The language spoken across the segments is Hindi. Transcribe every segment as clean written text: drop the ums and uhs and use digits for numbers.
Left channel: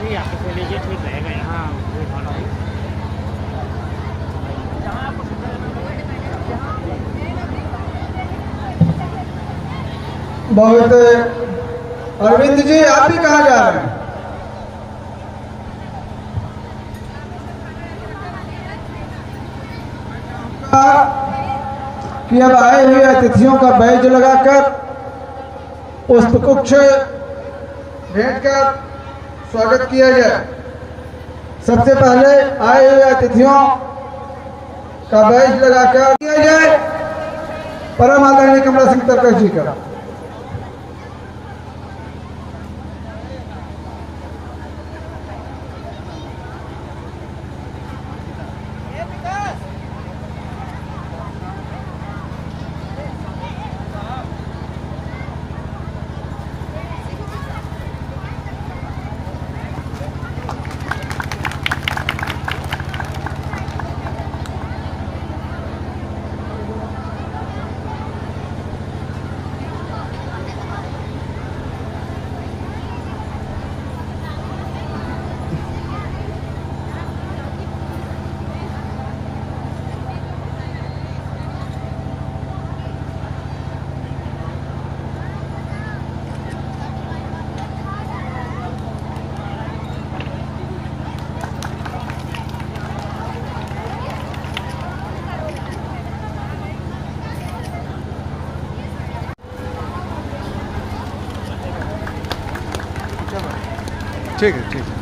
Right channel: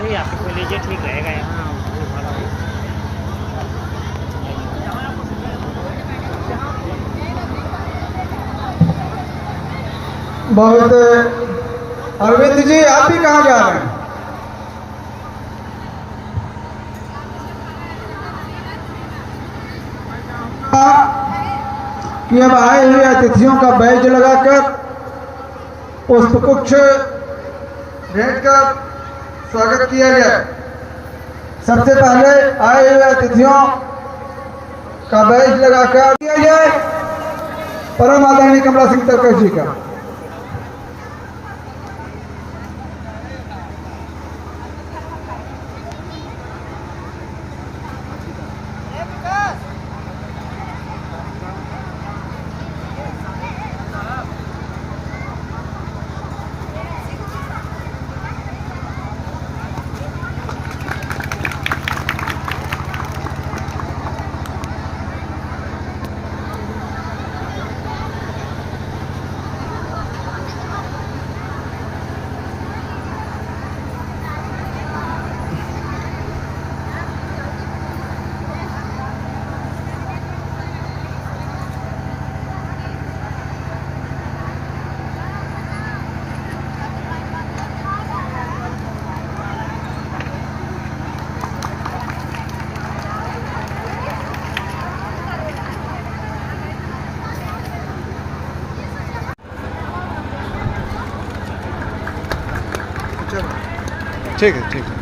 भी आपको लीजिए, ठीक रहेगा। यहाँ बहुत। अरविंद जी, आप भी कहाँ जा रहे हैं? कि अब आए हुए अतिथियों का बैज लगाकर पुष्पगुच्छ भेंट कर स्वागत किया जाए। सबसे पहले आए हुए अतिथियों का बैज लगाकर किया जाए परम आदरणीय कमला सिंह तरकश जी का। ठीक है, ठीक है।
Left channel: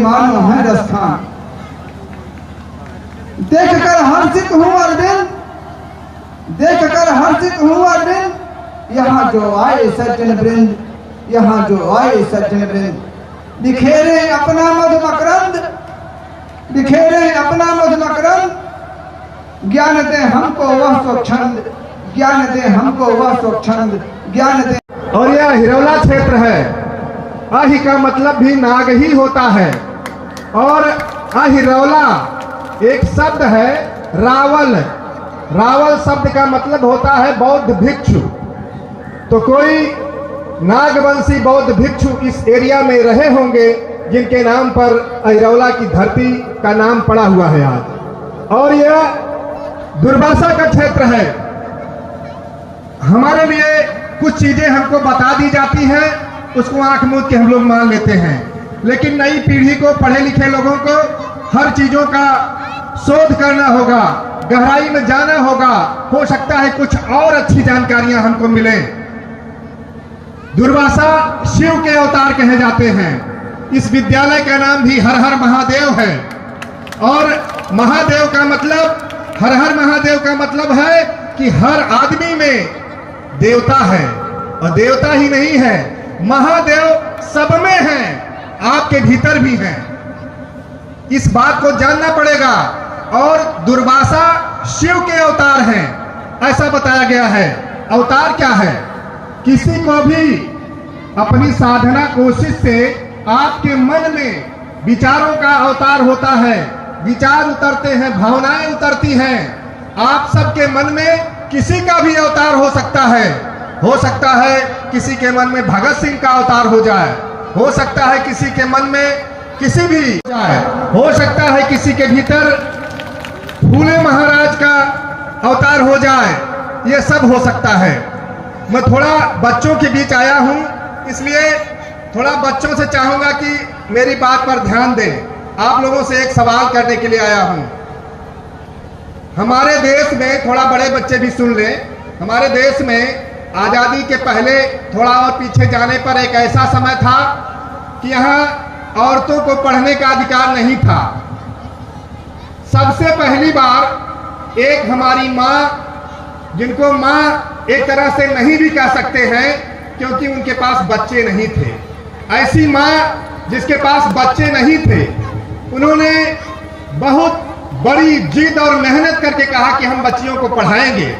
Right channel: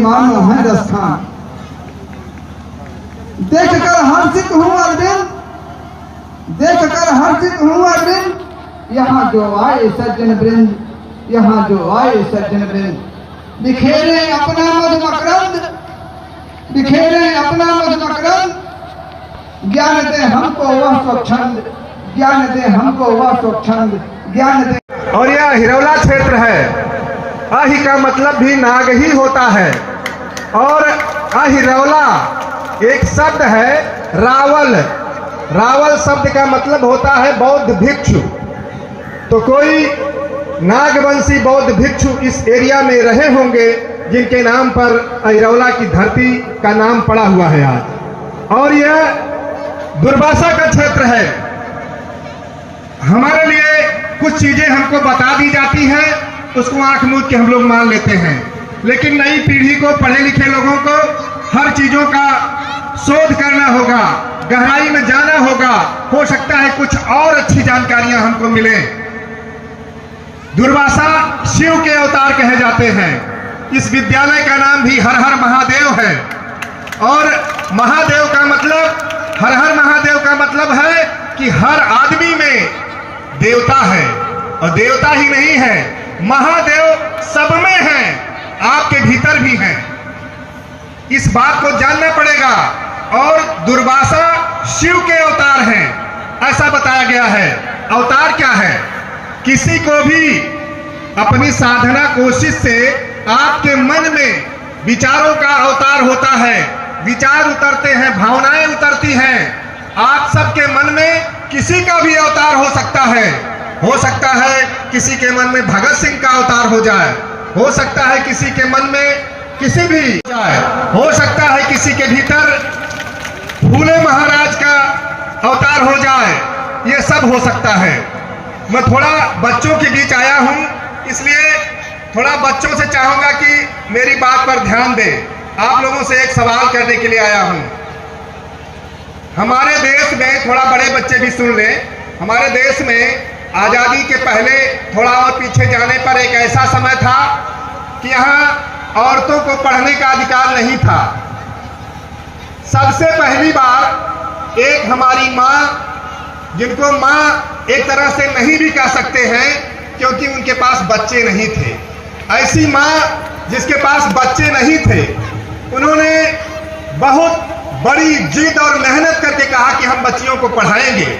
मानो है रस्थान, देख कर हर्षित हूँ अरविंद, देख कर हर्षित हूँ अरविंद। यहाँ जो आए सज्जन वृंद, यहाँ जो आए सज्जन वृंद, बिखेरे अपना मधु मकरंद, बिखेरे अपना मधु मकरंद। ज्ञान दे हमको वह स्वच्छंद, ज्ञान दे हमको वह स्वच्छंद, ज्ञान दे। और यह हिरौला क्षेत्र है। आहि का मतलब भी नाग ही होता है। और अहिरौला एक शब्द है रावल। रावल शब्द का मतलब होता है बौद्ध भिक्षु। तो कोई नागवंशी बौद्ध भिक्षु इस एरिया में रहे होंगे जिनके नाम पर अहिरौला की धरती का नाम पड़ा हुआ है आज। और यह दुर्वासा का क्षेत्र है। हमारे लिए कुछ चीजें हमको बता दी जाती है, उसको आंख मूंद के हम लोग मान लेते हैं। लेकिन नई पीढ़ी को, पढ़े लिखे लोगों को हर चीजों का शोध करना होगा, गहराई में जाना होगा। हो सकता है कुछ और अच्छी जानकारियां हमको मिले। दुर्वासा शिव के अवतार कहे जाते हैं। इस विद्यालय का नाम भी हर हर महादेव है। और महादेव का मतलब, हर हर महादेव का मतलब है कि हर आदमी में देवता है। और देवता ही नहीं है, महादेव सब में है, आपके भीतर भी है। इस बात को जानना पड़ेगा। और दुर्वासा शिव के अवतार हैं, ऐसा बताया गया है। अवतार क्या है? किसी को भी अपनी साधना कोशिश से आपके मन में विचारों का अवतार होता है। विचार उतरते हैं, भावनाएं उतरती हैं। आप सबके मन में किसी का भी अवतार हो सकता है। हो सकता है किसी के मन में भगत सिंह का अवतार हो जाए, हो सकता है किसी के मन में किसी भी जाए, हो सकता है किसी के भीतर फूले महाराज का अवतार हो जाए। ये सब हो सकता है। मैं थोड़ा बच्चों के बीच आया हूं, इसलिए थोड़ा बच्चों से चाहूंगा कि मेरी बात पर ध्यान दें। आप लोगों से एक सवाल करने के लिए आया हूं। हमारे देश में, थोड़ा बड़े बच्चे भी सुन लें, हमारे देश में आज़ादी के पहले थोड़ा और पीछे जाने पर एक ऐसा समय था कि यहाँ औरतों को पढ़ने का अधिकार नहीं था। सबसे पहली बार एक हमारी माँ, जिनको माँ एक तरह से नहीं भी कह सकते हैं क्योंकि उनके पास बच्चे नहीं थे, ऐसी माँ जिसके पास बच्चे नहीं थे, उन्होंने बहुत बड़ी जिद और मेहनत करके कहा कि हम बच्चियों को पढ़ाएंगे।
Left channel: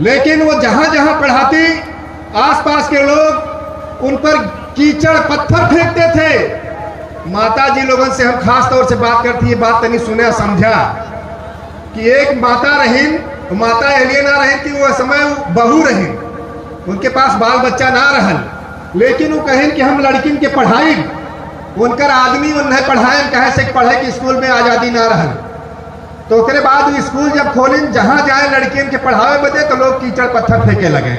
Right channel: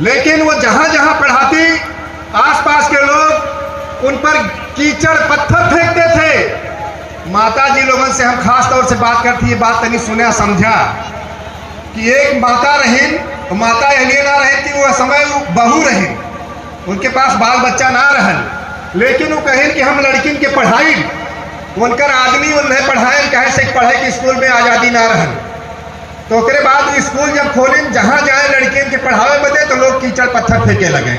लेकिन वो जहां जहां पढ़ाती, आसपास के लोग उन पर कीचड़ पत्थर फेंकते थे। माता जी लोगों से हम खास तौर से बात करती, ये बात तनी सुना समझा कि एक माता रहीन, माता इसलिए ना रहे कि वो समय बहू रहे, उनके पास बाल बच्चा ना रहन, लेकिन वो कहें कि हम लड़किन के पढ़ाई, उनकर आदमी उन्हें पढ़ाए, कहे से पढ़े कि स्कूल में आज़ादी ना रहन। तो उसके बाद स्कूल जब खोलें, जहाँ जाए लड़कियों के पढ़ावे बदे तो लोग कीचड़ पत्थर फेंके लगे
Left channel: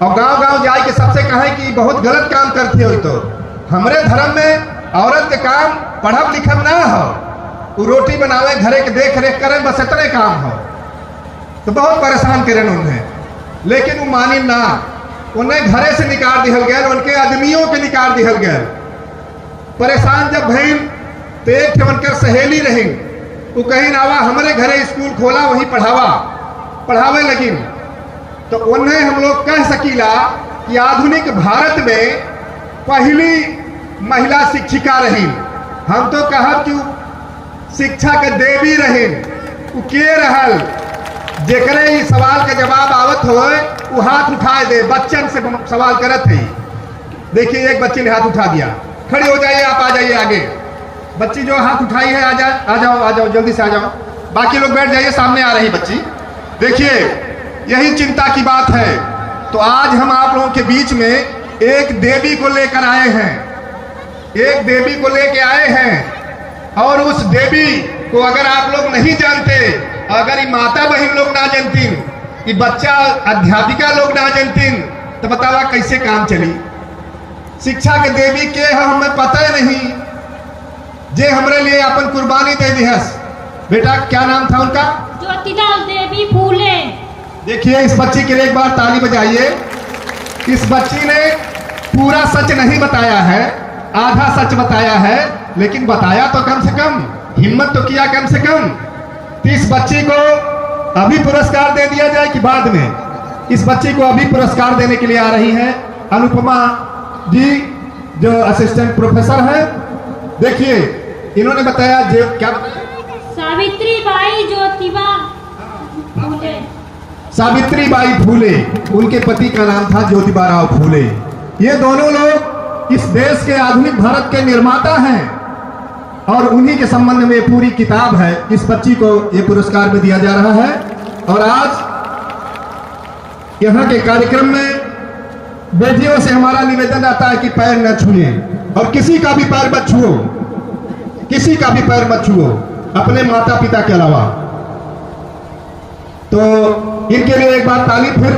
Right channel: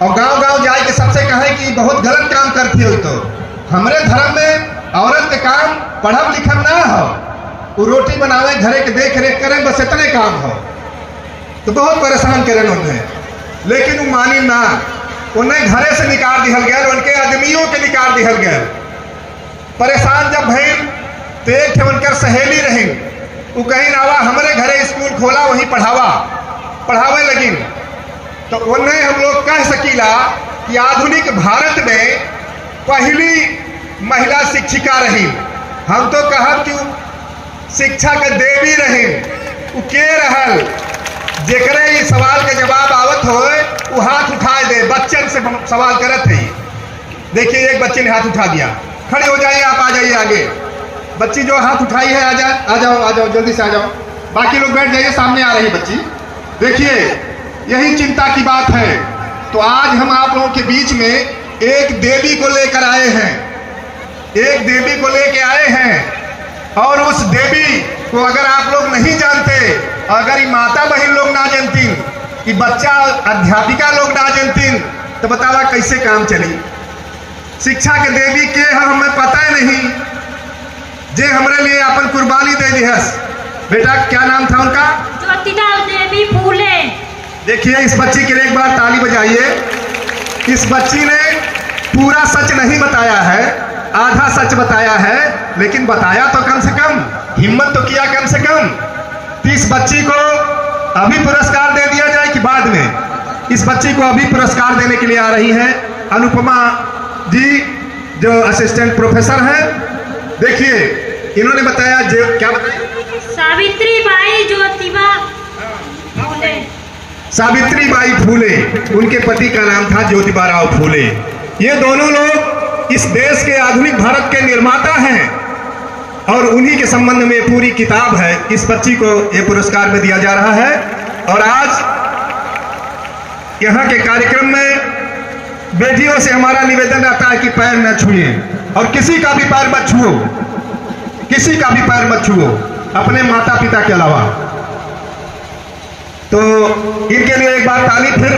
और गांव गांव जाए के सबसे कहें कि बहुत गलत काम करती हो। तो हमारे धर्म में औरत के काम पढ़ब लिखब ना हो, वो रोटी बनावे, घरे के देख रेख करें, बस इतने काम हो। तो बहुत परेशान करें उन्हें, लेकिन वो मानी ना, उन्हें घरे से निकाल दिया गया, उनके आदमियों के निकाल दिया गया। परेशान जब भई तो एक थे उनकर सहेली रही, वो कहीं आवा हमारे घरे स्कूल खोला, वहीं पढ़ावे लगी। तो उन्हें हम लोग कह सकीला कि आधुनिक भारत में पहली महिला शिक्षिका रही। हम तो कहब कि शिक्षा के देवी रही। वो के रहल, जेकरे इस सवाल के जवाब आवत होए वो हाथ उठाए दे। बच्चन से सवाल करत है, देखिए एक बच्चे ने हाथ उठा दिया, खड़े हो जाइए, आप आ जाइए आगे। बच्ची जो हाथ उठाई है, आ जाओ जल्दी से आ जाओ। बाकी लोग बैठ जाइए, सामने आ रही बच्ची। देखिए यही चिंता की बात है। तो आज हम आप लोगों के बीच में एक देवी को लेकर आए हैं, एक देवी को लेकर आए हैं। और उस देवी को अगर आप लोग नहीं जानते, अगर ये माता बहन लोग ना जानती, ये बच्चा अध्यापिका लोग ना जानती, तो बतावा कैसे काम चली। शिक्षा के देवी के हमें पता ही नहीं, जे हमारे लिए अपन कुर्बानी दे दी है। बेटा क्या नाम था उनका? ज्योतिका देवी फूले। देखिए इस बच्ची के लिए एक बार ताली बजाइए। इस बच्ची ने पूरा सच नहीं बताया है, आधा सच बताया है, लेकिन बताया तो कम से कम, हिम्मत तो किया कम से कम। तो इस बच्ची को अभी पुरस्कार दे दिया जाए कि बाद में? इस बच्ची को अभी पुरस्कार देने के लिए आ रही है अनुपमा जी, जो असिस्टेंट प्रोफेसर है। देखिए इन्होंने बताया, जो क्या बताया? सावित्रीबाई ज्योतिबा फूले। सावित्रीबाई फूले, उनके पति का नाम था ज्योतिबा राव फूले। ये दोनों लोग इस देश के आधुनिक भारत के निर्माता हैं और उन्हीं के संबंध में पूरी किताब है। इस बच्ची को ये पुरस्कार में दिया जा रहा है। और आज यहाँ के कार्यक्रम में बेटियों से हमारा निवेदन आता है कि पैर न छुए, और किसी का भी पैर मत छुओ, किसी का भी पैर मत छुओ, अपने माता पिता के अलावा। तो इनके लिए एक बार ताली, फिर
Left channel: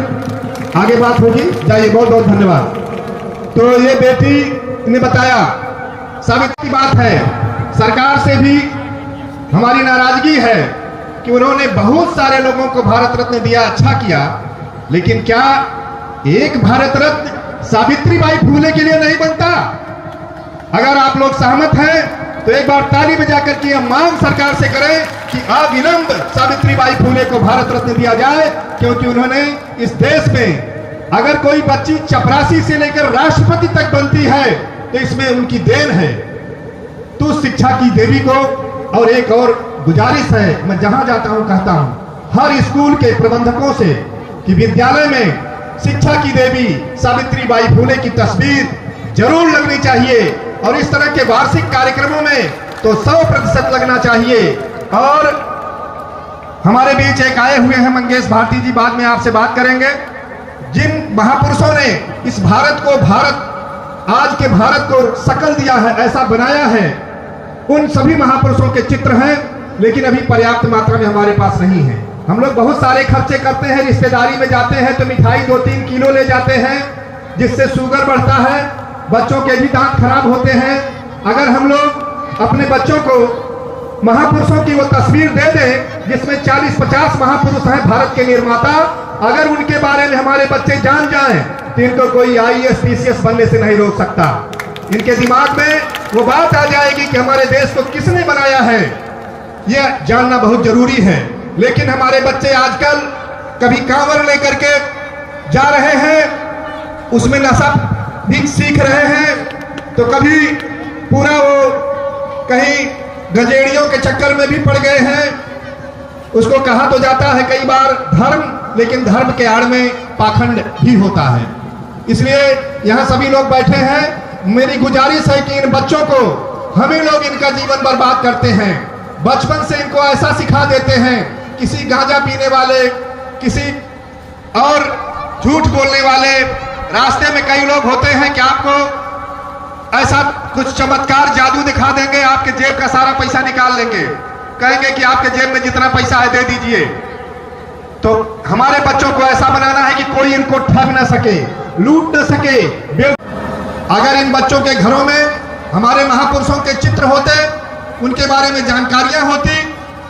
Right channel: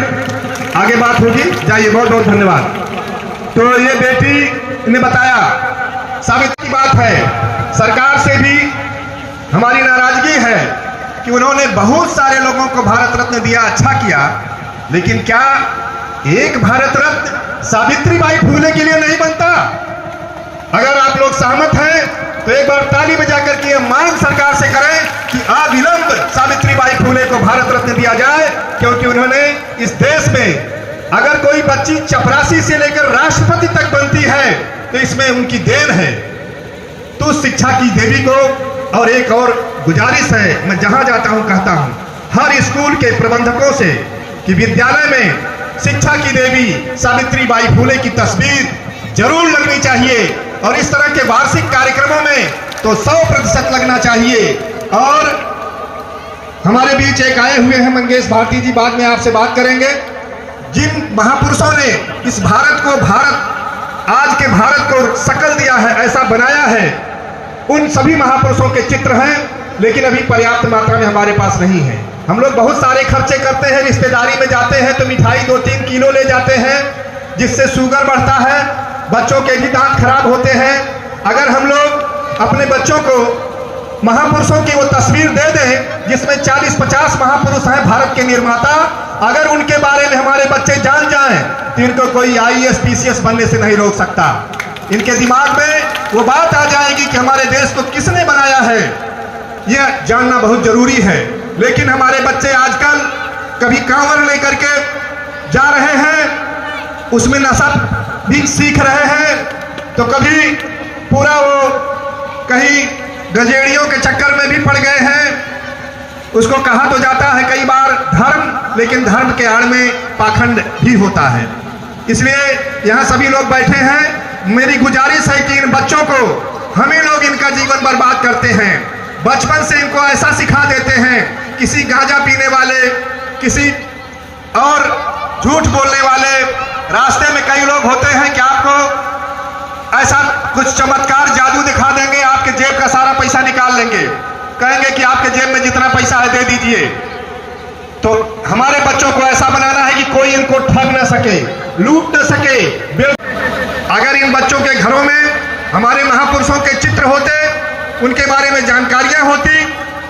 आगे बात होगी। जाइए, बहुत बहुत धन्यवाद। तो ये बेटी ने बताया, साबित की बात है, सरकार से भी हमारी नाराजगी है कि उन्होंने बहुत सारे लोगों को भारत रत्न दिया, अच्छा किया, लेकिन क्या एक भारत रत्न सावित्रीबाई फूले के लिए नहीं बनता? अगर आप लोग सहमत हैं तो एक बार ताली बजाकर के मांग सरकार से करें कि अविलंब सावित्रीबाई फूले को भारत रत्न दिया जाए, क्योंकि उन्होंने इस देश में, अगर कोई बच्ची चपरासी से लेकर राष्ट्रपति तक बनती है तो इसमें उनकी देन है। तो शिक्षा की देवी को, और एक और गुजारिश है, मैं जहां जाता हूं कहता हूं हर स्कूल के प्रबंधकों से कि विद्यालय में शिक्षा की देवी सावित्रीबाई फूले की तस्वीर जरूर लगनी चाहिए, और इस तरह के वार्षिक कार्यक्रमों में तो 100% लगना चाहिए। और हमारे बीच एक आए हुए हैं मंगेश भारती जी, बाद में आपसे बात करेंगे। जिन महापुरुषों ने इस भारत को, आज के भारत को शकल दिया है, ऐसा बनाया है, उन सभी महापुरुषों के चित्र हैं, लेकिन अभी पर्याप्त मात्रा में हमारे पास नहीं है। हम लोग बहुत सारे खर्चे करते हैं, रिश्तेदारी में जाते हैं तो मिठाई 2-3 किलो ले जाते हैं, जिससे शुगर बढ़ता है, बच्चों के भी दांत खराब होते हैं। अगर हम लोग अपने बच्चों को महापुरुषों की वो तस्वीर दे दें जिसमें 40-50 महापुरुष हैं भारत के निर्माता। अगर उनके बारे में हमारे बच्चे जान जाएं तो इनको कोई IAS PCS बनने से नहीं रोक सकता। इनके दिमाग में वो बात आ जाएगी कि हमारे देश को किसने बनाया है, यह जानना बहुत जरूरी है। लेकिन हमारे बच्चे आजकल कभी कांवर लेकर के जा रहे हैं, उसमें नशा भी सीख रहे हैं, तो कभी पूरा वो कहीं गजेड़ियों के चक्कर में भी पड़ गए हैं। उसको कहा तो जाता है कई बार धर्म, लेकिन धर्म के आड़ में पाखंड भी होता है। इसलिए यहाँ सभी लोग बैठे हैं, मेरी गुजारिश है कि इन बच्चों को हम ही लोग इनका जीवन बर्बाद करते हैं। बचपन से इनको ऐसा सिखा देते हैं, किसी गांजा पीने वाले, किसी और झूठ बोलने वाले, रास्ते में कई लोग होते हैं कि आपको ऐसा कुछ चमत्कार जादू दिखा देंगे, आपके जेब का सारा पैसा निकाल लेंगे, कहेंगे कि आपके जेब में जितना पैसा है दे दीजिए। तो हमारे बच्चों को ऐसा बनाना है कि कोई इनको ठग न सके, लूट न सके। अगर इन बच्चों के घरों में हमारे महापुरुषों के चित्र होते, उनके बारे में जानकारियां होती,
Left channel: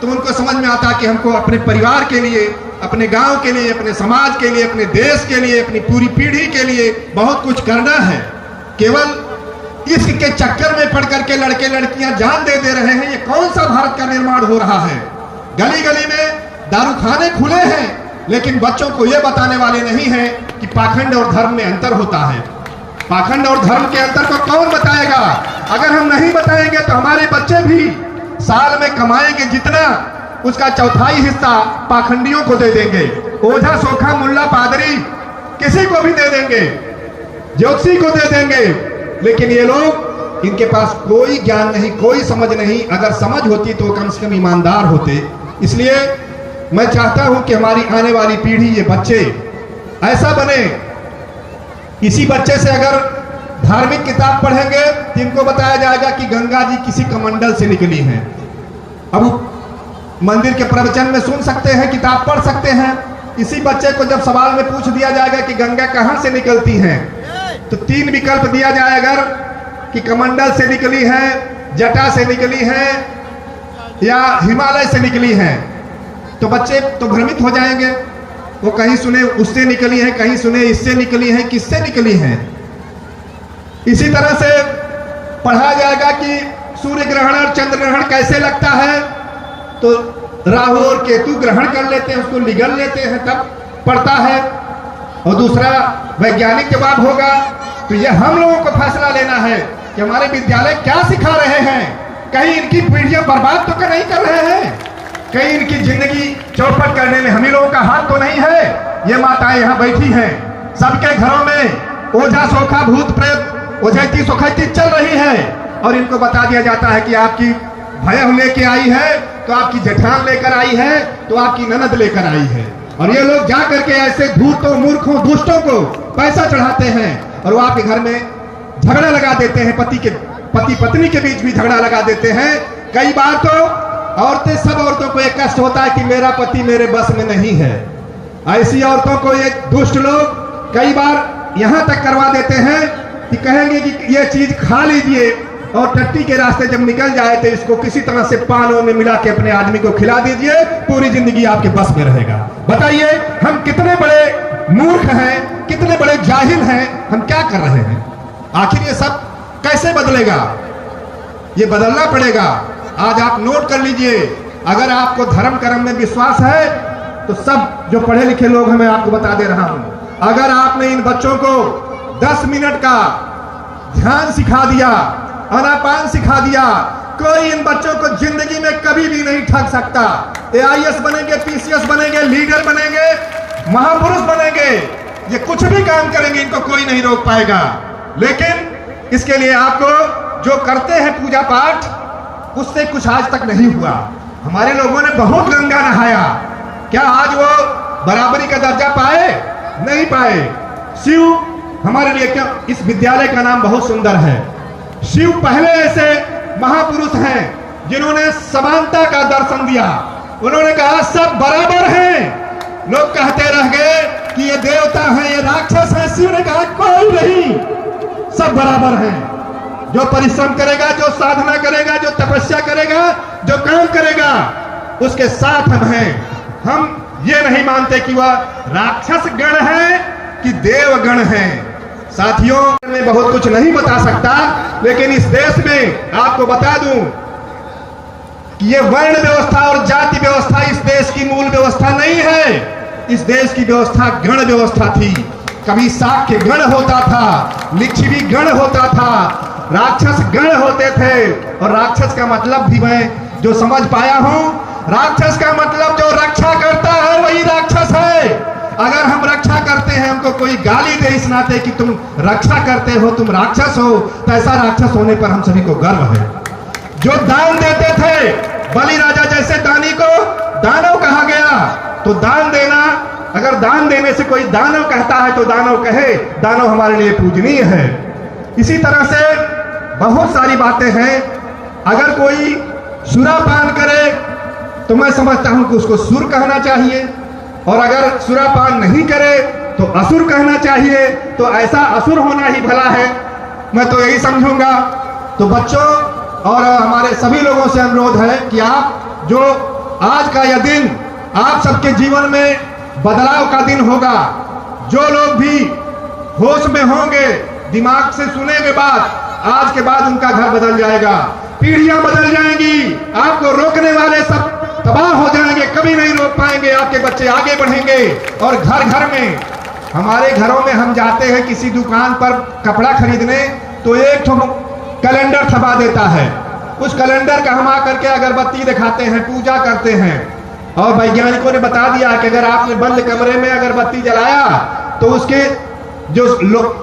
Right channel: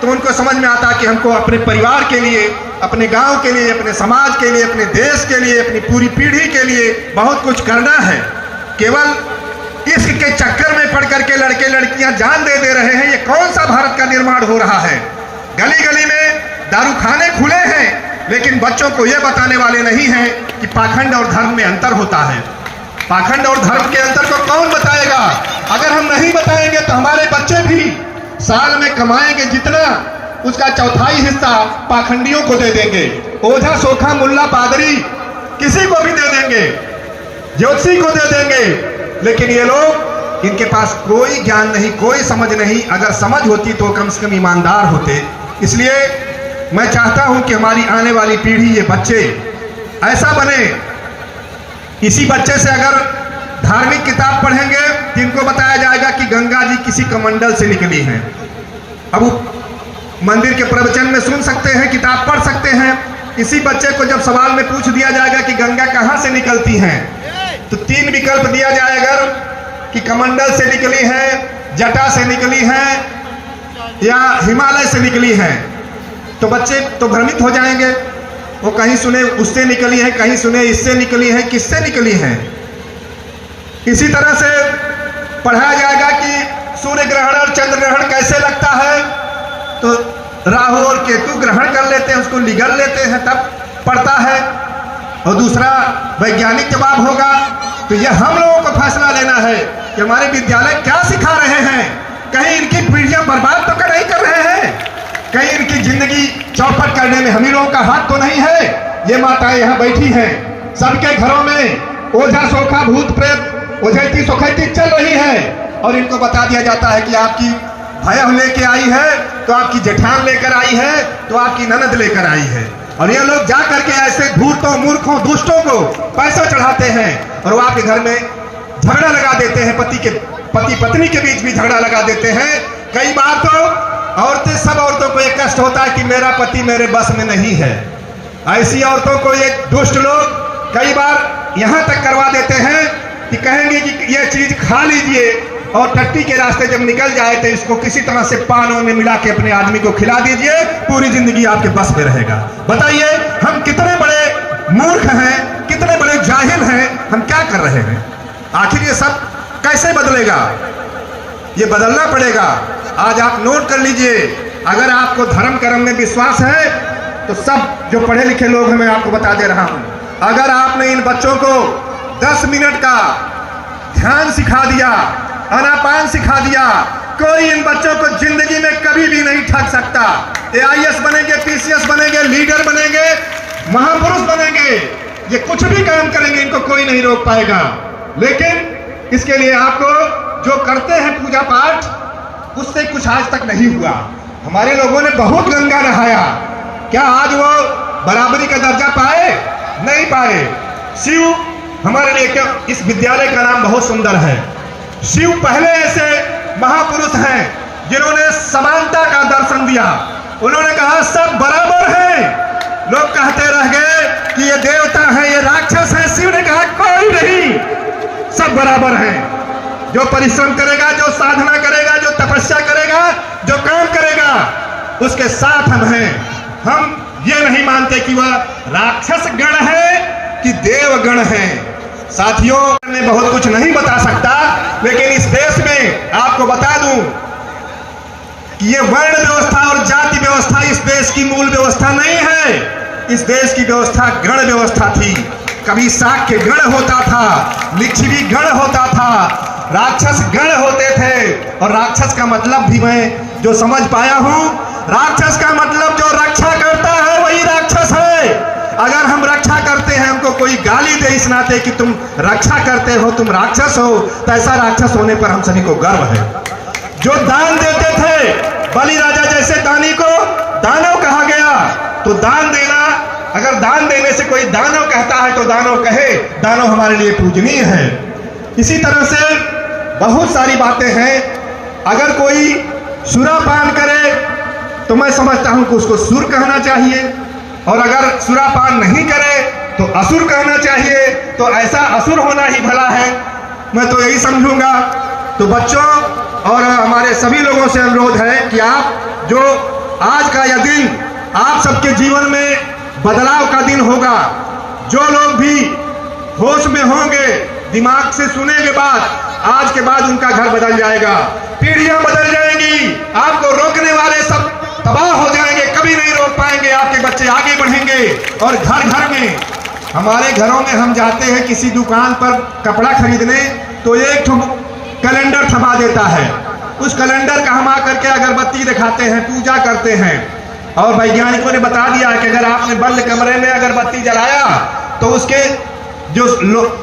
तो उनको समझ में आता कि हमको अपने परिवार के लिए, अपने गांव के लिए, अपने समाज के लिए, अपने देश के लिए, अपनी पूरी पीढ़ी के लिए बहुत कुछ करना है। केवल इश्क के चक्कर में पड़ करके लड़के लड़कियां जान दे रहे हैं, ये कौन सा भारत का निर्माण हो रहा है। गली गली में दारू खाने खुले हैं, लेकिन बच्चों को ये बताने वाले नहीं हैं कि पाखंड और धर्म में अंतर होता है। पाखंड और धर्म के अंतर को कौन बताएगा? अगर हम नहीं बताएंगे तो हमारे बच्चे भी साल में कमाएंगे जितना, उसका चौथाई हिस्सा पाखंडियों को दे देंगे। ओझा, सोखा, मुल्ला, पादरी किसी को भी दे देंगे, ज्योतिषी को दे देंगे, लेकिन ये लोग, इनके पास कोई ज्ञान नहीं, कोई समझ नहीं। अगर समझ होती तो कम से कम ईमानदार होते। इसलिए मैं चाहता हूं कि हमारी आने वाली पीढ़ी, ये बच्चे ऐसा बने, इसी बच्चे से अगर धार्मिक किताब पढ़ेंगे तो इनको बताया जाएगा कि गंगा जी किसी कमंडल से निकली हैं। अब मंदिर के प्रवचन में सुन सकते हैं, किताब पढ़ सकते हैं। इसी बच्चे को जब सवाल में पूछ दिया जाएगा कि गंगा कहां से निकलती हैं, तो 3 विकल्प दिया जाएगा कि कमंडल से निकली है, जटा से निकली है या हिमालय से निकली है। तो बच्चे तो भ्रमित हो जाएंगे, वो कहीं सुने उससे निकली है, कहीं सुने इससे निकली है, किससे निकली है। इसी तरह से पढ़ाया जाएगा कि सूर्य ग्रहण और चंद्र ग्रहण कैसे लगता है, तो राहु और केतु ग्रहण कर लेते हैं, उसको निगल लेते हैं, तब पड़ता है। और दूसरा वैज्ञानिक जवाब होगा। तो यह हम लोगों को फैसला लेना है कि हमारे विद्यालय क्या सिखा रहे हैं। कहीं इनकी पीढ़ियां बर्बाद तो नहीं कर रहे हैं, कहीं इनकी जिंदगी चौपट करने में हम ही लोगों का हाथ तो नहीं है। ये माताएं यहाँ बैठी हैं, सबके घरों में ओझा, सोखा, भूत प्रेत, ओझैती सोखैती चल रही है, और इनको बता दिया जाता है कि आपकी भैया लेके आई है, तो आपकी जेठान लेकर आई है, तो आपकी ननद लेकर आई है। और ये लोग जा करके ऐसे धूर्तों, मूर्खों, दुष्टों को पैसा चढ़ाते हैं और वो आपके घर में झगड़ा लगा देते हैं। पति पत्नी के बीच भी झगड़ा लगा देते हैं। कई बार तो औरतें, सब औरतों को एक कष्ट होता है कि मेरा पति मेरे बस में नहीं है। ऐसी औरतों को ये दुष्ट लोग कई बार यहाँ तक करवा देते हैं कि कहेंगे कि ये चीज खा लीजिए, और टट्टी के रास्ते जब निकल जाए तो इसको किसी तरह से पानों में मिला के अपने आदमी को खिला दीजिए, पूरी जिंदगी आपके बस में रहेगा। बताइए हम कितने बड़े मूर्ख हैं, कितने बड़े जाहिल हैं, हम क्या कर रहे हैं। आखिर ये सब कैसे बदलेगा? ये बदलना पड़ेगा। आज आप नोट कर लीजिए, अगर आपको धर्म कर्म में विश्वास है तो सब जो पढ़े लिखे लोग हैं, मैं आपको बता दे रहा हूं, अगर आपने इन बच्चों को 10 मिनट का ध्यान सिखा दिया, आनापान सिखा दिया, कोई इन बच्चों को जिंदगी में कभी भी नहीं ठग सकता। AIS बनेंगे, PCS बनेंगे, लीडर बनेंगे, महापुरुष बनेंगे, ये कुछ भी काम करेंगे, इनको कोई नहीं रोक पाएगा। लेकिन इसके लिए आपको जो करते हैं पूजा पाठ, उससे कुछ आज तक नहीं हुआ। हमारे लोगों ने बहुत गंगा नहाया, क्या आज वो बराबरी का दर्जा पाए? नहीं पाए। शिव हमारे लिए, क्या इस विद्यालय का नाम बहुत सुंदर है। शिव पहले ऐसे महापुरुष हैं जिन्होंने समानता का दर्शन दिया। उन्होंने कहा सब बराबर हैं। लोग कहते रह गए कि ये देवता है, ये राक्षस है। शिव ने कहा कोई नहीं, सब बराबर हैं। जो परिश्रम करेगा, जो साधना करेगा, जो तपस्या करेगा, जो काम करेगा, उसके साथ हम हैं। हम ये नहीं मानते कि वह राक्षस गण है कि देव गण है। साथियों, मैं बहुत कुछ नहीं बता सकता, लेकिन इस देश में आपको बता दूं कि ये वर्ण व्यवस्था और जाति व्यवस्था इस देश की मूल व्यवस्था नहीं है। इस देश की व्यवस्था गण व्यवस्था थी। कभी शाक्य गण होता था, लिच्छवी गण होता था, राक्षस गण होते थे। और राक्षस का मतलब भी मैं जो समझ पाया हूं, राक्षस का मतलब जो रक्षा करता है वही राक्षस है। अगर हम रक्षा करते हैं, हमको कोई गाली दे इस नाते कि तुम रक्षा करते हो, तुम राक्षस हो, तो ऐसा राक्षस होने पर हम सभी को गर्व है। जो दान देते थे, बलि राजा जैसे दानी को दानव कहा गया, तो दान देना, अगर दान देने से कोई दानव कहता है तो दानव कहे, दानव हमारे लिए पूजनीय है। इसी तरह से बहुत सारी बातें हैं। अगर कोई सुरापान करे तो मैं समझता हूं कि उसको सुर कहना चाहिए, और अगर सुरापान नहीं करे तो असुर कहना चाहिए। तो ऐसा असुर होना ही भला है, मैं तो यही समझूंगा। तो बच्चों और हमारे सभी लोगों से अनुरोध है कि आप जो आज का यह दिन आप सबके जीवन में बदलाव का दिन होगा। जो लोग भी होश में होंगे, दिमाग से सुनेंगे बात, आज के बाद उनका घर बदल जाएगा, पीढ़ियां बदल जाएंगी, आपको रोकने वाले सब तबाह हो जाएंगे, कभी नहीं रोक पाएंगे, आपके बच्चे आगे बढ़ेंगे। और घर घर में, हमारे घरों में हम जाते हैं किसी दुकान पर कपड़ा खरीदने, तो एक कैलेंडर छपा देता है। उस कैलेंडर का हम आकर के अगरबत्ती दिखाते हैं, पूजा करते हैं। और वैज्ञानिकों ने बता दिया कि अगर आपने बंद कमरे में अगरबत्ती जलाया तो उसके जो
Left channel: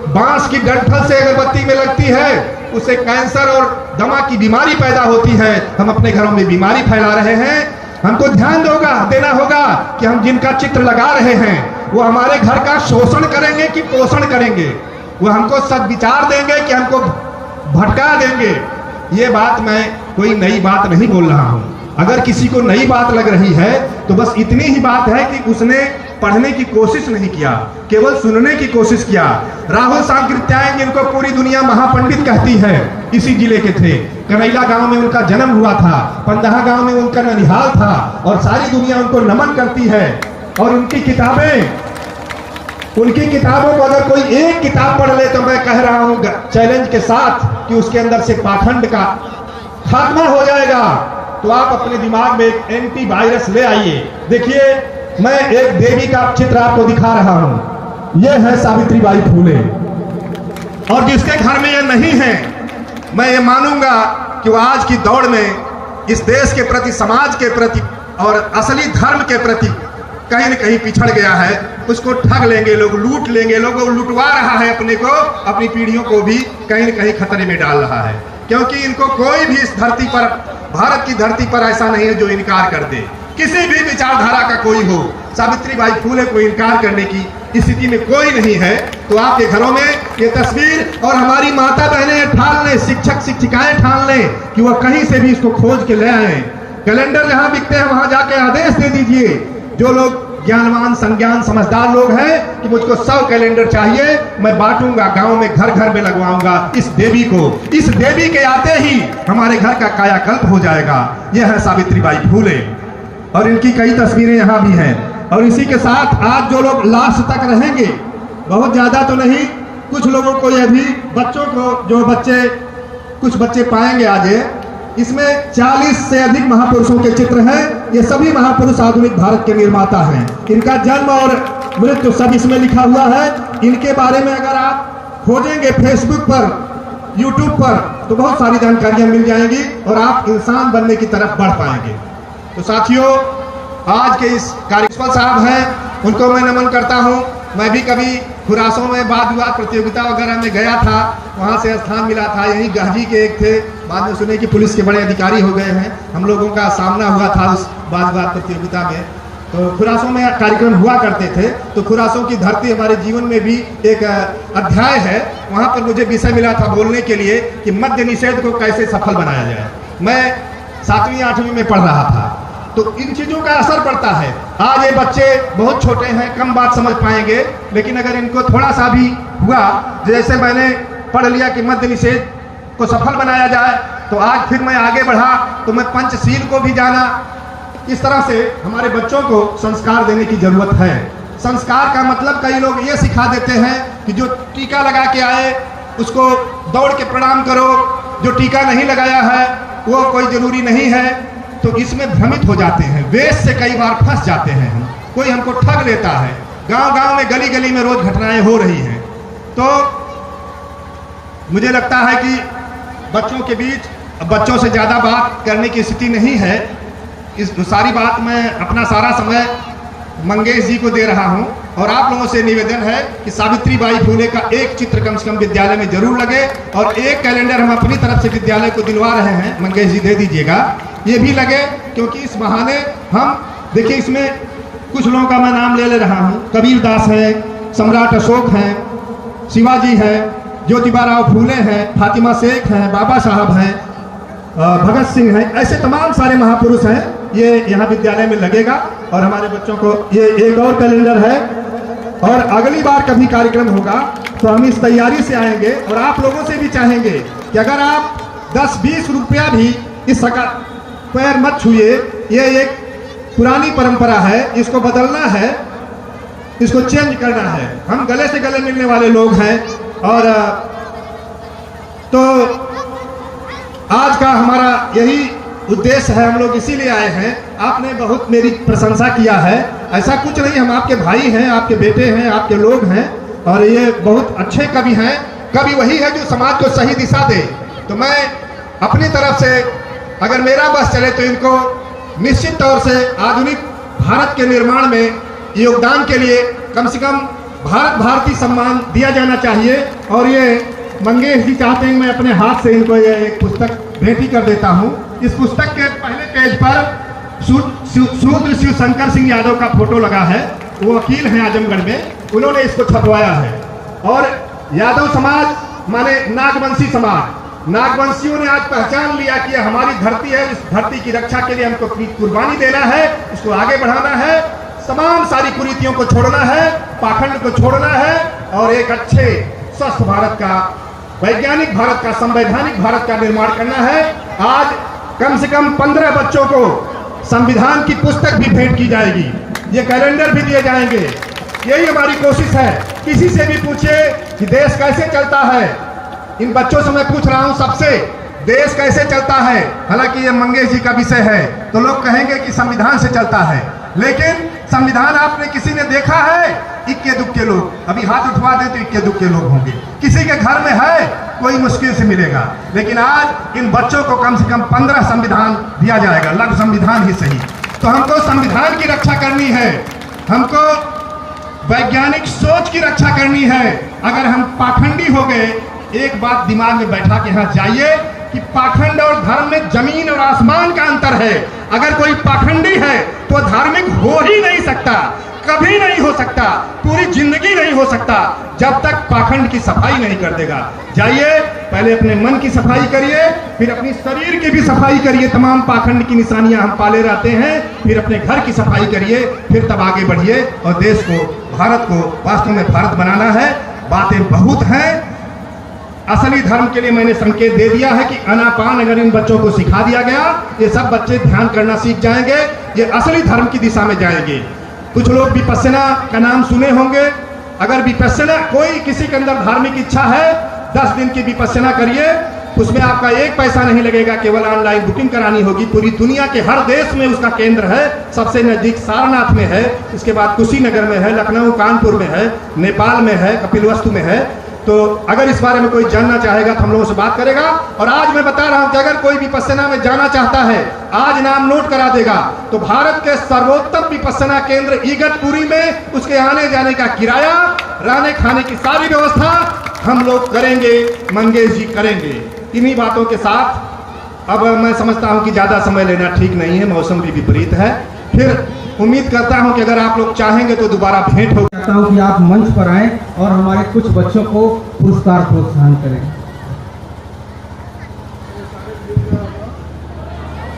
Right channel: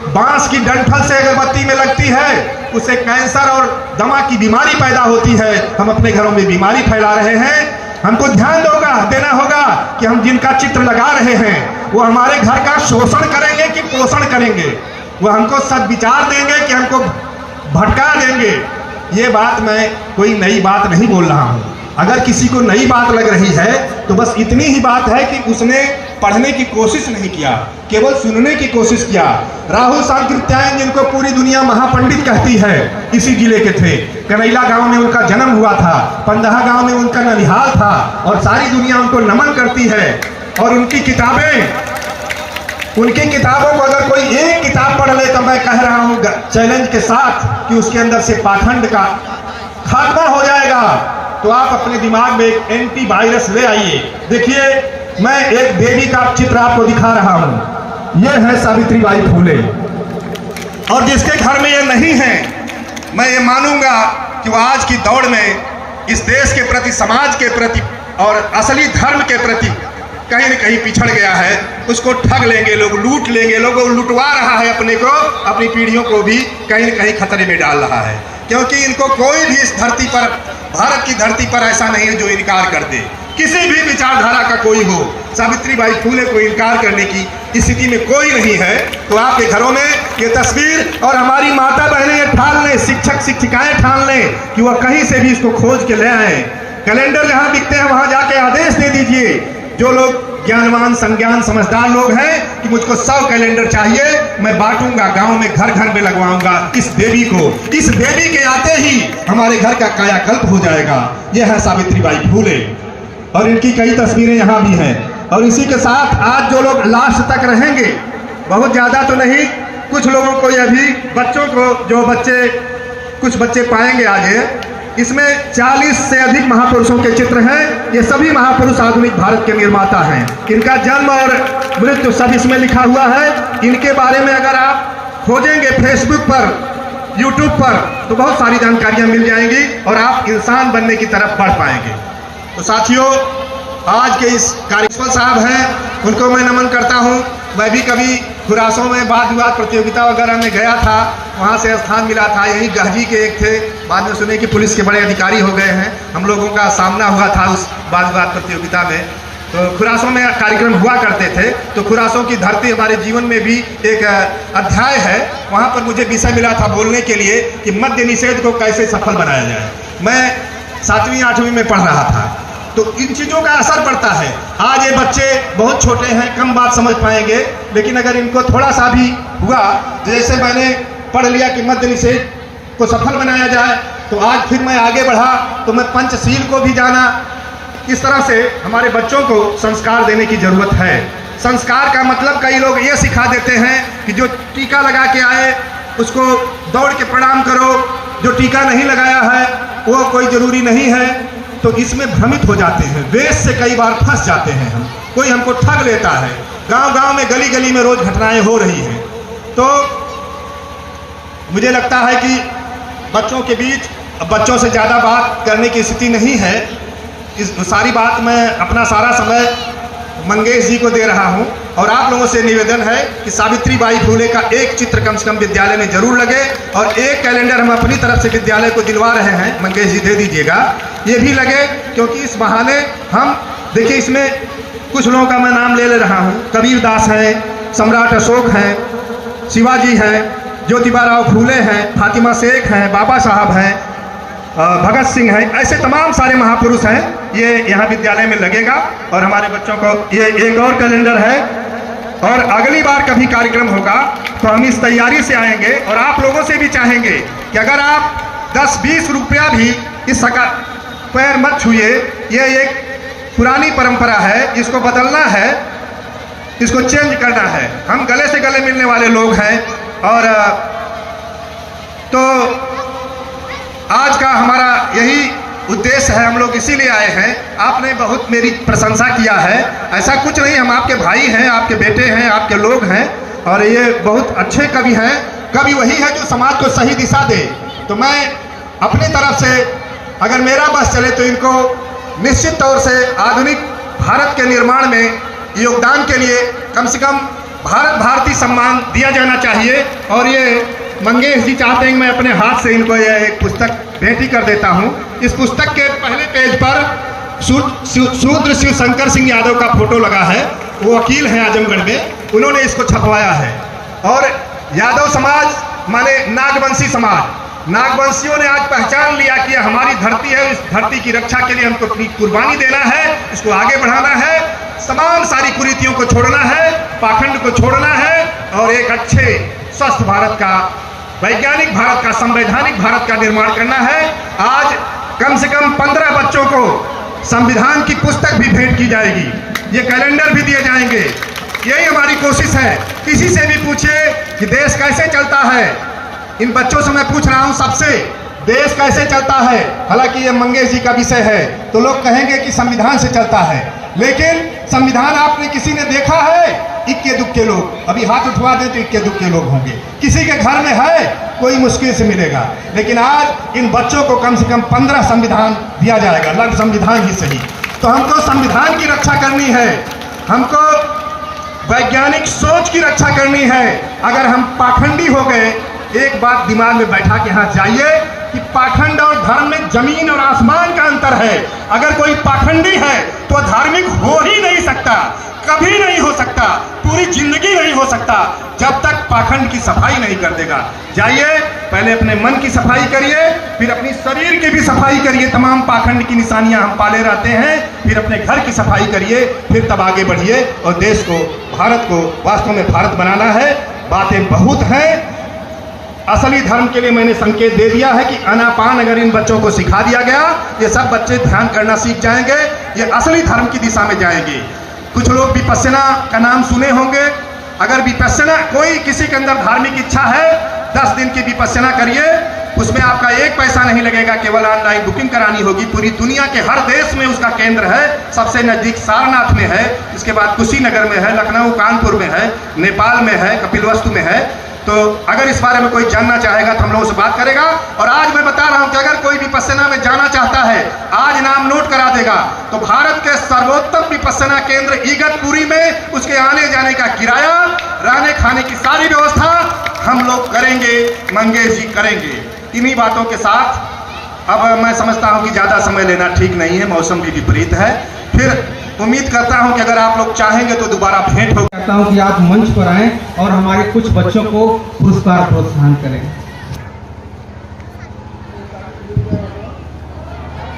बांस की डंठल से अगरबत्ती में लगती है, उससे कैंसर और दमा की बीमारी पैदा होती है। हम अपने घरों में बीमारी फैला रहे हैं। हमको ध्यान देना होगा कि हम जिनका चित्र लगा रहे हैं वो हमारे घर का शोषण करेंगे कि पोषण करेंगे, वो हमको सद्विचार देंगे कि हमको भटका देंगे। ये बात मैं कोई नई बात नहीं बोल रहा हूँ। अगर किसी को नई बात लग रही है तो बस इतनी ही बात है कि उसने पढ़ने की कोशिश नहीं किया, केवल सुनने की कोशिश किया। राहुल सांकृत्यायन, जिनको पूरी दुनिया महापंडित कहती है, इसी जिले के थे। कनैला गांव में उनका जन्म हुआ था, पंदहा गांव में उनका ननिहाल था, और सारी दुनिया उनको नमन करती है। और उनकी किताबों को अगर कोई एक किताब पढ़ ले तो मैं कह रहा हूँ चैलेंज के साथ कि उसके अंदर से पाखंड का खात्मा हो जाएगा। तो आप अपने दिमाग में एक एंटीवायरस ले आइए। देखिए, मैं एक देवी का चित्र आपको दिखा रहा हूं। यह है सावित्रीबाई फूले, और जिसके घर में यह नहीं है, मैं ये मानूंगा कि वो आज की दौड़ में इस देश के प्रति, समाज के प्रति और असली धर्म के प्रति कहीं न कहीं पिछड़ गया है। उसको ठग लेंगे लोग, लूट लेंगे लोग, वो लुटवा रहा है अपने को, अपनी पीढ़ियों को भी कहीं न कहीं खतरे में डाल रहा है। क्योंकि इनको कोई भी इस धरती पर, भारत की धरती पर ऐसा नहीं है जो इनकार कर दे। किसी भी विचारधारा का कोई हो, सावित्रीबाई फूले को इनकार करने की स्थिति में कोई नहीं है। तो आपके घरों में ये तस्वीर, और हमारी माता बहनें ठान लें, शिक्षक शिक्षिकाएं ठान लें कि वह कहीं से भी इसको खोज के ले आए। कैलेंडर जहां दिखते हैं वहां जाके आदेश दे दीजिए। जो लोग ज्ञानवान, संज्ञान, समझदार लोग हैं कि मुझको 100 कैलेंडर चाहिए, मैं बांटूंगा, गांव में घर घर में लगवाऊंगा इस देवी को। इस देवी के आते ही हमारे घर का कायाकल्प हो जाएगा। यह है सावित्रीबाई फूले, और इनकी कई तस्वीरें यहाँ भी हैं। और इसी के साथ आज जो लोग लास्ट तक रहेंगे, बहुत ज़्यादा तो नहीं, कुछ लोगों को, यह भी बच्चों को, जो बच्चे, कुछ बच्चे पाएंगे आगे, इसमें 40 से अधिक महापुरुषों के चित्र हैं। ये सभी महापुरुष आधुनिक भारत के निर्माता हैं। इनका जन्म और मृत्यु सब इसमें लिखा हुआ है। इनके बारे में अगर आप खोजेंगे फेसबुक पर, यूट्यूब पर, तो बहुत सारी जानकारियां मिल जाएंगी और आप इंसान बनने की तरफ बढ़ पाएंगे। तो साथियों, आज के इस कार्यपाल साहब हैं, उनको मैं नमन करता हूं। मैं भी कभी खुरासों में वाद विवाद प्रतियोगिता वगैरह में गया था, वहाँ से स्थान मिला था। यही गहजी के एक थे, बाद में सुने कि पुलिस के बड़े अधिकारी हो गए हैं। हम लोगों का सामना हुआ था उस वाद विवाद प्रतियोगिता में। तो खुरासों में कार्यक्रम हुआ करते थे। तो खुरासों की धरती हमारे जीवन में भी एक अध्याय है। वहाँ पर मुझे विषय मिला था बोलने के लिए कि मद्य निषेध को कैसे सफल बनाया जाए। मैं 7वीं 8वीं में पढ़ रहा था, तो इन चीज़ों का असर पड़ता है। आज ये बच्चे बहुत छोटे हैं, कम बात समझ पाएंगे, लेकिन अगर इनको थोड़ा सा भी हुआ, जैसे मैंने पढ़ लिया कि मद्य निषेध को सफल बनाया जाए, तो आज फिर मैं आगे बढ़ा तो मैं पंचशील को भी जाना। इस तरह से हमारे बच्चों को संस्कार देने की जरूरत है। संस्कार का मतलब कई लोग ये सिखा देते हैं कि जो टीका लगा के आए उसको दौड़ के प्रणाम करो, जो टीका नहीं लगाया है वो कोई जरूरी नहीं है। तो इसमें भ्रमित हो जाते हैं, वेश से कई बार फंस जाते हैं हम, कोई हमको ठग लेता है। गांव-गांव में गली गली में रोज घटनाएं हो रही हैं। तो मुझे लगता है कि बच्चों के बीच बच्चों से ज़्यादा बात करने की स्थिति नहीं है। इस सारी बात मैं अपना सारा समय मंगेश जी को दे रहा हूं और आप लोगों से निवेदन है कि सावित्री बाई फुले का एक चित्र कम से कम विद्यालय में जरूर लगे और एक कैलेंडर हम अपनी तरफ से विद्यालय को दिलवा रहे हैं। मंगेश जी दे दीजिएगा, ये भी लगे, क्योंकि इस बहाने हम देखिए इसमें कुछ लोगों का मैं नाम ले रहा हूँ। कबीर दास हैं, सम्राट अशोक हैं, शिवाजी हैं, ज्योतिबा राव फूले हैं, फातिमा शेख हैं, बाबा साहब हैं, भगत सिंह हैं, ऐसे तमाम सारे महापुरुष हैं। ये यहाँ विद्यालय में लगेगा और हमारे बच्चों को ये एक और कैलेंडर है। और अगली बार कभी कार्यक्रम होगा तो हम इस तैयारी से आएंगे और आप लोगों से भी चाहेंगे कि अगर आप 10-20 रुपया भी इस पैर मत छूए। ये एक पुरानी परंपरा है, इसको बदलना है, इसको चेंज करना है। हम गले से गले मिलने वाले लोग हैं और तो आज का हमारा यही उद्देश्य है, हम लोग इसीलिए आए हैं। आपने बहुत मेरी प्रशंसा किया है, ऐसा कुछ नहीं, हम आपके भाई हैं, आपके बेटे हैं, आपके लोग हैं और ये बहुत अच्छे कवि हैं। कवि वही है जो समाज को सही दिशा दे। तो मैं अपनी तरफ से अगर मेरा बस चले तो इनको निश्चित तौर से आधुनिक भारत के निर्माण में योगदान के लिए कम से कम भारत भारती सम्मान दिया जाना चाहिए। और ये मंगेश जी चाहते हैं कि मैं अपने हाथ से इनको ये एक पुस्तक भेंट ही कर देता हूँ। इस पुस्तक के पहले पेज पर शूद्र शिव शंकर सिंह यादव का फोटो लगा है, वो वकील हैं आजमगढ़ में, उन्होंने इसको छपवाया है। और यादव समाज माने नागवंशी समाज, नागवंशियों ने आज पहचान लिया कि हमारी धरती है, इस धरती की रक्षा के लिए हमको अपनी कुर्बानी देना है, इसको आगे बढ़ाना है, तमाम सारी कुरीतियों को छोड़ना है, पाखंड को छोड़ना है और एक अच्छे स्वस्थ भारत का, वैज्ञानिक भारत का, संवैधानिक भारत का निर्माण करना है। आज कम से कम 15 बच्चों को संविधान की पुस्तक भी भेंट की जाएगी, ये कैलेंडर भी दिए जाएंगे। यही हमारी कोशिश है। किसी से भी पूछे कि देश कैसे चलता है, इन बच्चों से मैं पूछ रहा हूं सबसे, देश कैसे चलता है। हालांकि ये मंगेश जी का विषय है तो लोग कहेंगे कि संविधान से चलता है, लेकिन संविधान आपने किसी ने देखा है? इक्के दुक्के लोग, अभी हाथ उठवा दें तो इक्के दुक्के लोग होंगे। किसी के घर में है, कोई मुश्किल से मिलेगा। लेकिन आज इन बच्चों को कम से कम 15 संविधान दिया जाएगा, लघु संविधान ही सही। तो हमको संविधान की रक्षा करनी है, हमको वैज्ञानिक सोच की रक्षा करनी है। अगर हम पाखंडी हो गए, एक बात दिमाग में बैठा के यहाँ जाइए कि पाखंड और धर्म में जमीन और आसमान का अंतर है। अगर कोई पाखंडी है तो धार्मिक हो ही नहीं सकता, कभी नहीं हो सकता, पूरी जिंदगी नहीं हो सकता जब तक पाखंड की सफाई नहीं कर देगा। जाइए, पहले अपने मन की सफाई करिए, फिर अपनी शरीर की भी सफाई करिए। तमाम पाखंड की निशानियां हम पाले रहते हैं, फिर अपने घर की सफाई करिए, फिर तब आगे बढ़िए और देश को, भारत को वास्तव में भारत बनाना है। बातें बहुत हैं, असली धर्म के लिए मैंने संकेत दे दिया है कि आनापान अगर इन बच्चों को सिखा दिया गया, ये सब बच्चे ध्यान करना सीख जाएंगे, ये असली धर्म की दिशा में जाएंगे। कुछ लोग विपस्सना का नाम सुने होंगे। अगर विपस्सना, कोई किसी के अंदर धार्मिक इच्छा है, 10 दिन की विपस्सना करिए, उसमें आपका एक पैसा नहीं लगेगा, केवल ऑनलाइन बुकिंग करानी होगी। पूरी दुनिया के हर देश में उसका केंद्र है। सबसे नजदीक सारनाथ में है, इसके बाद कुशीनगर में है, लखनऊ कानपुर में है, नेपाल में है, कपिलवस्तु में है। तो अगर इस बारे में कोई जानना चाहेगा तो हम लोगों से बात करेगा। और आज मैं बता रहा हूं कि अगर कोई विपस्सना में जाना चाहता है, आज नाम नोट करा देगा तो भारत के सर्वोत्तम विपस्सना केंद्र इगतपुरी में उसके आने जाने का किराया, रहने खाने की सारी व्यवस्था हम लोग करेंगे, मंगेश जी करेंगे। इन्हीं बातों के साथ अब मैं समझता हूं कि ज़्यादा समय लेना ठीक नहीं है, मौसम भी विपरीत है। फिर उम्मीद करता हूं कि अगर आप लोग चाहेंगे तो दोबारा भेंट हो। चाहता हूं कि आप मंच पर आएं और हमारे कुछ बच्चों को पुरस्कार प्रोत्साहन करें।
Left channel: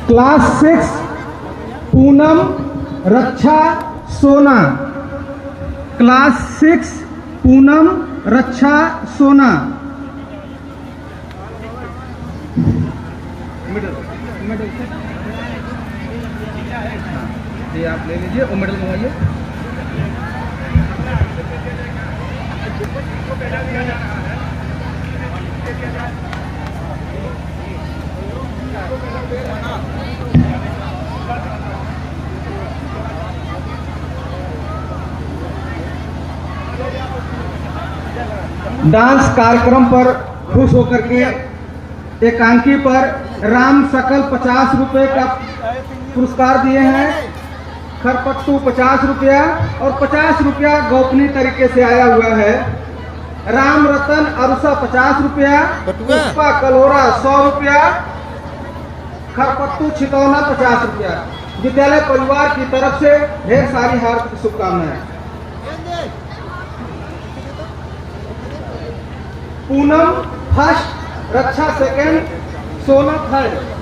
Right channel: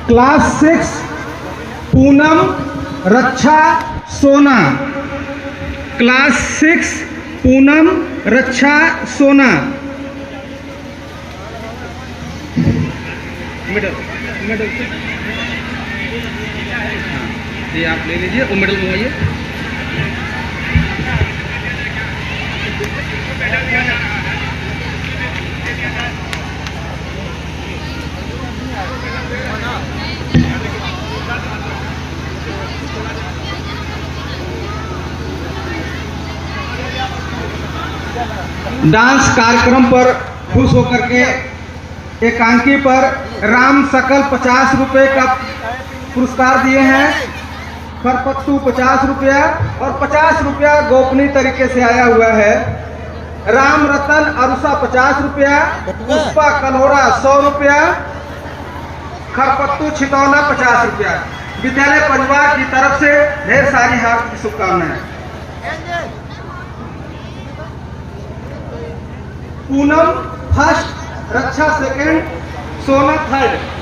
क्लास 6 पूनम रक्षा सोना, क्लास 6 पूनम रक्षा सोना। ये आप ले लीजिए, वो मेडल मंगाइए। डांस कार्यक्रम पर खुश होकर के एकांकी पर राम सकल 50 रुपए का पुरस्कार दिए हैं, खरपत्तू 50 रुपया और 50 रुपया गोपनीय तरीके से आया हुआ है। राम रतन अरुषा 50 रुपया, पुष्पा कलोरा 100 रुपया, खरपत्तू छितौना 50 रुपया। विद्यालय परिवार की तरफ से ढेर सारी हार्दिक शुभकामनाएं। पूनम फर्स्ट, रक्षा सेकंड, सोना थर्ड।